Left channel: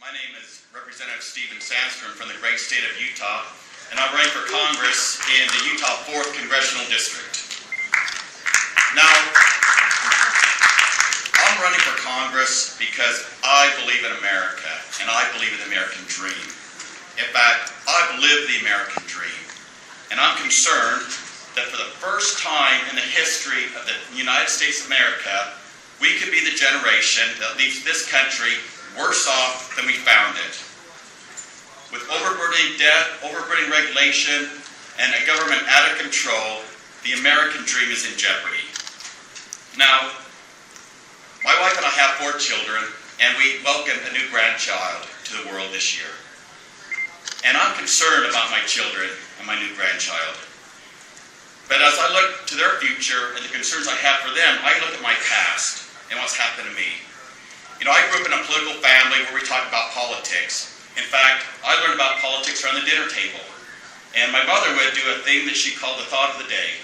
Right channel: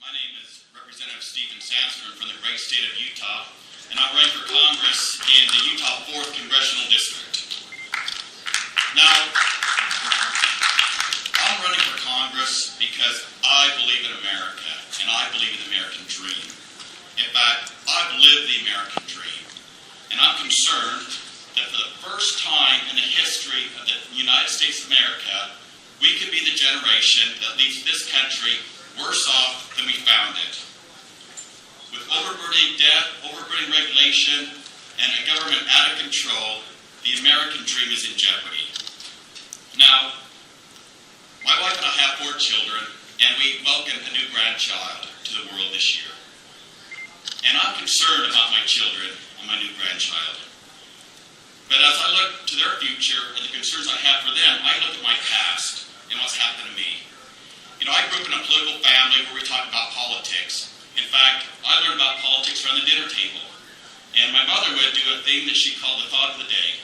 My name is Representative Sandstrom from the great state of Utah, and I'm running for Congress in the Utah 4th Congressional District. Now, I'm running for Congress because I believe in America, and I believe in the American dream. In fact, I've lived the American dream, and I'm concerned that for the first time in the history of the United States of America, we could be the generation that leaves this country worse off than we found it. With overburdening debt, overburdening regulation, and a government out of control, the American dream is in jeopardy. Now, my wife and I have 4 children, and we welcomed a new grandchild to the world this year. And I'm concerned about my children and my new grandchild. But as I look to their future and the concerns I have for them, I look at my past and what's happened to me. You know, I grew up in a political family where we talked about politics. In fact, I learned about politics around the dinner table. And my mother would do a thing that she called the thought of the day.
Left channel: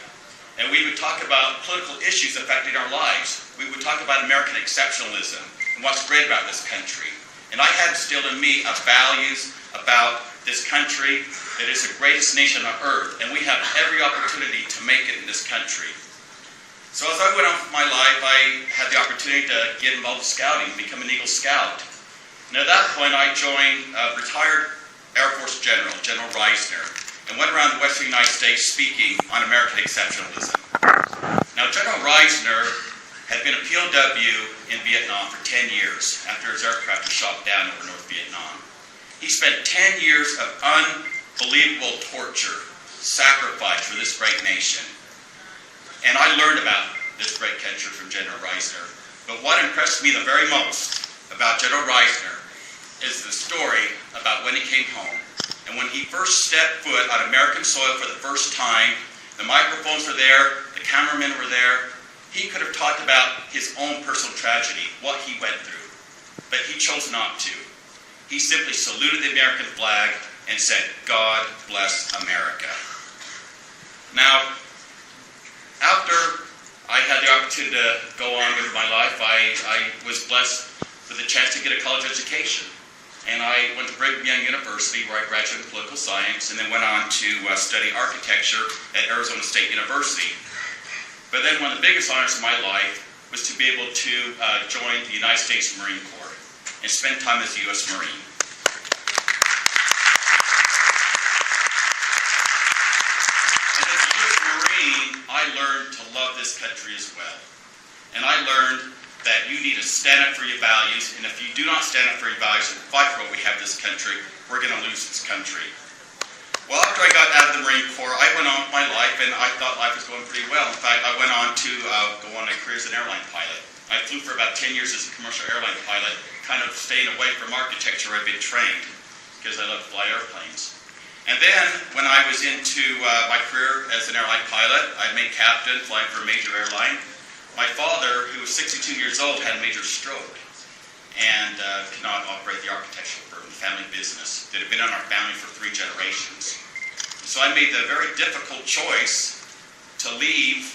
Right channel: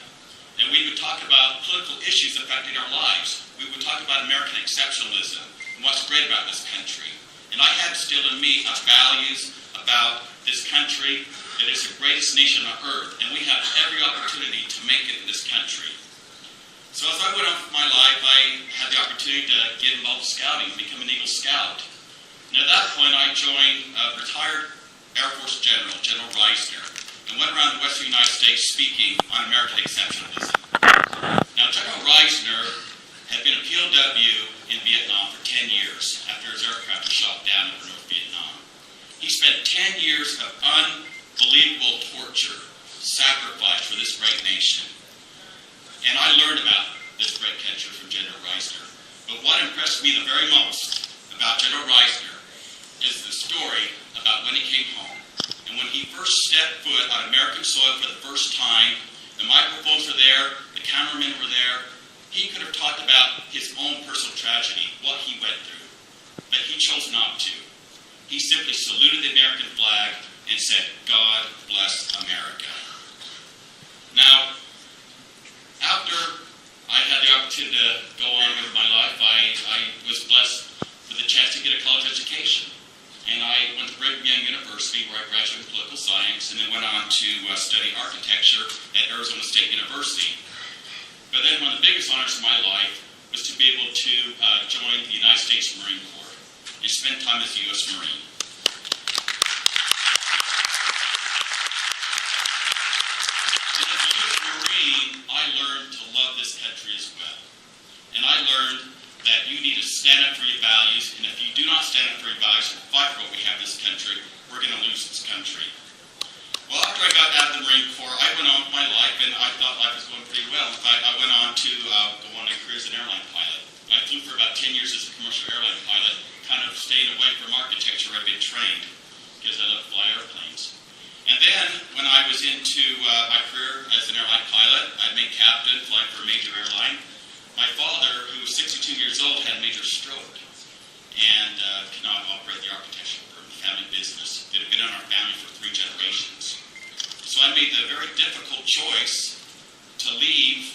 And we would talk about political issues affecting our lives. We would talk about American exceptionalism and what's great about this country. And I had instilled in me values about this country that is the greatest nation on earth. And we have every opportunity to make it in this country. So as I went on with my life, I had the opportunity to get involved with scouting, become an Eagle Scout. And at that point, I joined a retired Air Force General, General Reisner, and went around the western United States speaking on American exceptionalism. Now, General Reisner had been a POW in Vietnam for 10 years after his aircraft was shot down over North Vietnam. He spent 10 years of unbelievable torture, sacrifice for this great nation. And I learned about this great country from General Reisner. But what impressed me the very most about General Reisner is the story about when he came home. And when he first stepped foot on American soil for the first time, the microphones were there, the cameramen were there. He could have talked about his own personal tragedy, what he went through. But he chose not to. He simply saluted the American flag and said, "God bless America." Now, after I had the opportunity to go on with my life, I was blessed with the chance to get a college education. And I went to Brigham Young University, where I graduated in political science, and then went on to study architecture at Arizona State University. But then one of the biggest honors of my life was to be able to join the United States Marine Corps and spend time as a U.S. Marine. I learned to love this country as well. And I learned that you need to stand up for your values, and if you do not stand up for your values and fight for what we have in this country, we're going to lose this country. Well, after I got out of the Marine Corps, I went on with my life, and I thought life was going pretty well. In fact, I went on to go on a career as an airline pilot. I flew for about 10 years as a commercial airline pilot, kind of staying away from architecture where I'd been trained, because I love to fly airplanes. And then, when I was into my career as an airline pilot, I made captain, flying for a major airline. My father, who was 62 years old, had a major stroke and could not operate the architecture firm, the family business that had been in our family for 3 generations. So I made the very difficult choice to leave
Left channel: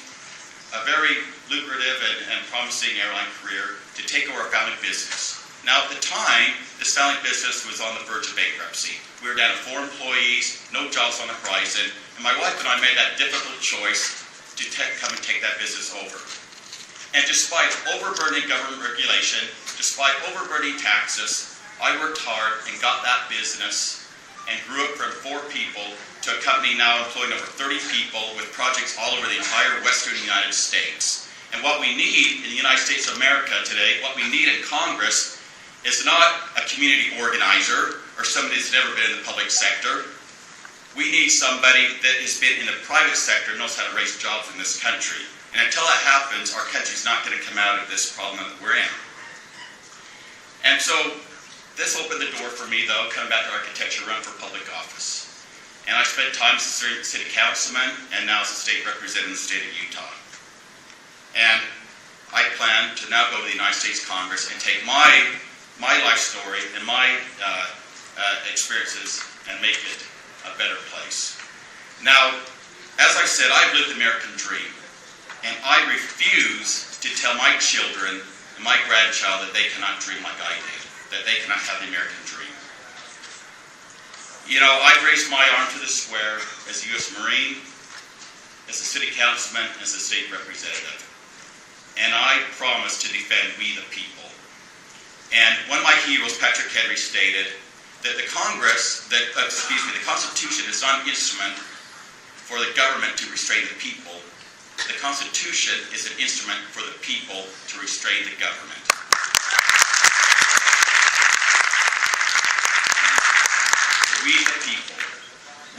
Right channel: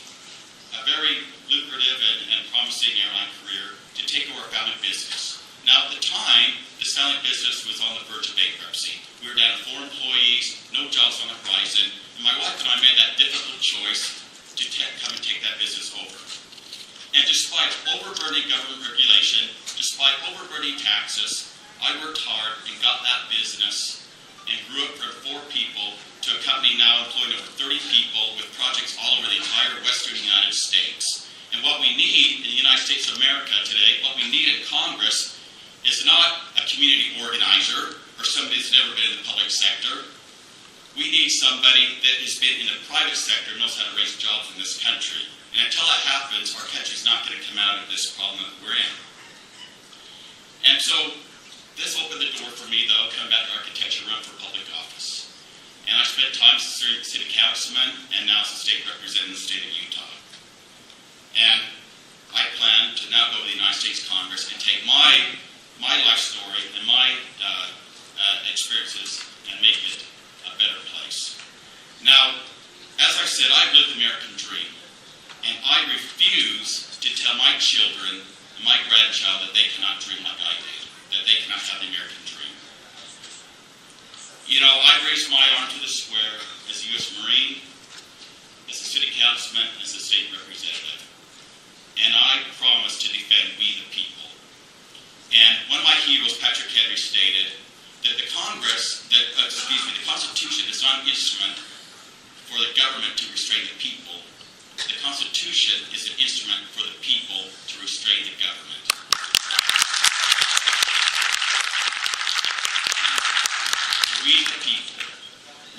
a very lucrative and promising airline career to take over our family business. Now, at the time, this family business was on the verge of bankruptcy. We were down to 4 employees, no jobs on the horizon, and my wife and I made that difficult choice to come and take that business over. And despite overburdening government regulation, despite overburdening taxes, I worked hard and got that business and grew it from 4 people to a company now employing over 30 people with projects all over the entire western United States. And what we need in the United States of America today, what we need in Congress, is not a community organizer or somebody that's never been in the public sector. We need somebody that has been in the private sector and knows how to raise jobs in this country. And until that happens, our country's not going to come out of this problem that we're in. And so this opened the door for me, though, coming back to architecture, run for public office. And I spent time as a city councilman and now as a state representative in the state of Utah. And I plan to now go to the United States Congress and take my life story and my experiences and make it a better place. Now, as I said, I've lived the American dream, and I refuse to tell my children and my grandchild that they cannot dream like I did. that they cannot have the American dream. You know, I raised my arm to the square as a U.S. Marine, as a city councilman, as a state representative. And I promise to defend we the people. And one of my heroes, Patrick Henry, stated that the Constitution is not an instrument for the government to restrain the people. The Constitution is an instrument for the people to restrain the government.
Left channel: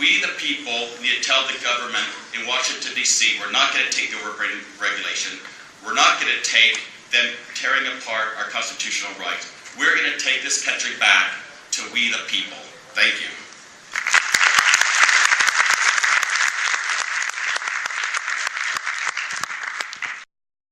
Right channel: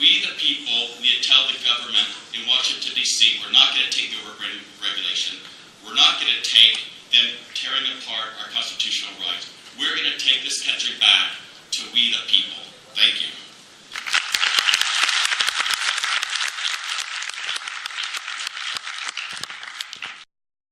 We the people need to tell the government in Washington, D.C., we're not going to take the overburden regulation. We're not going to take them tearing apart our constitutional rights. We're going to take this country back to we the people. Thank you.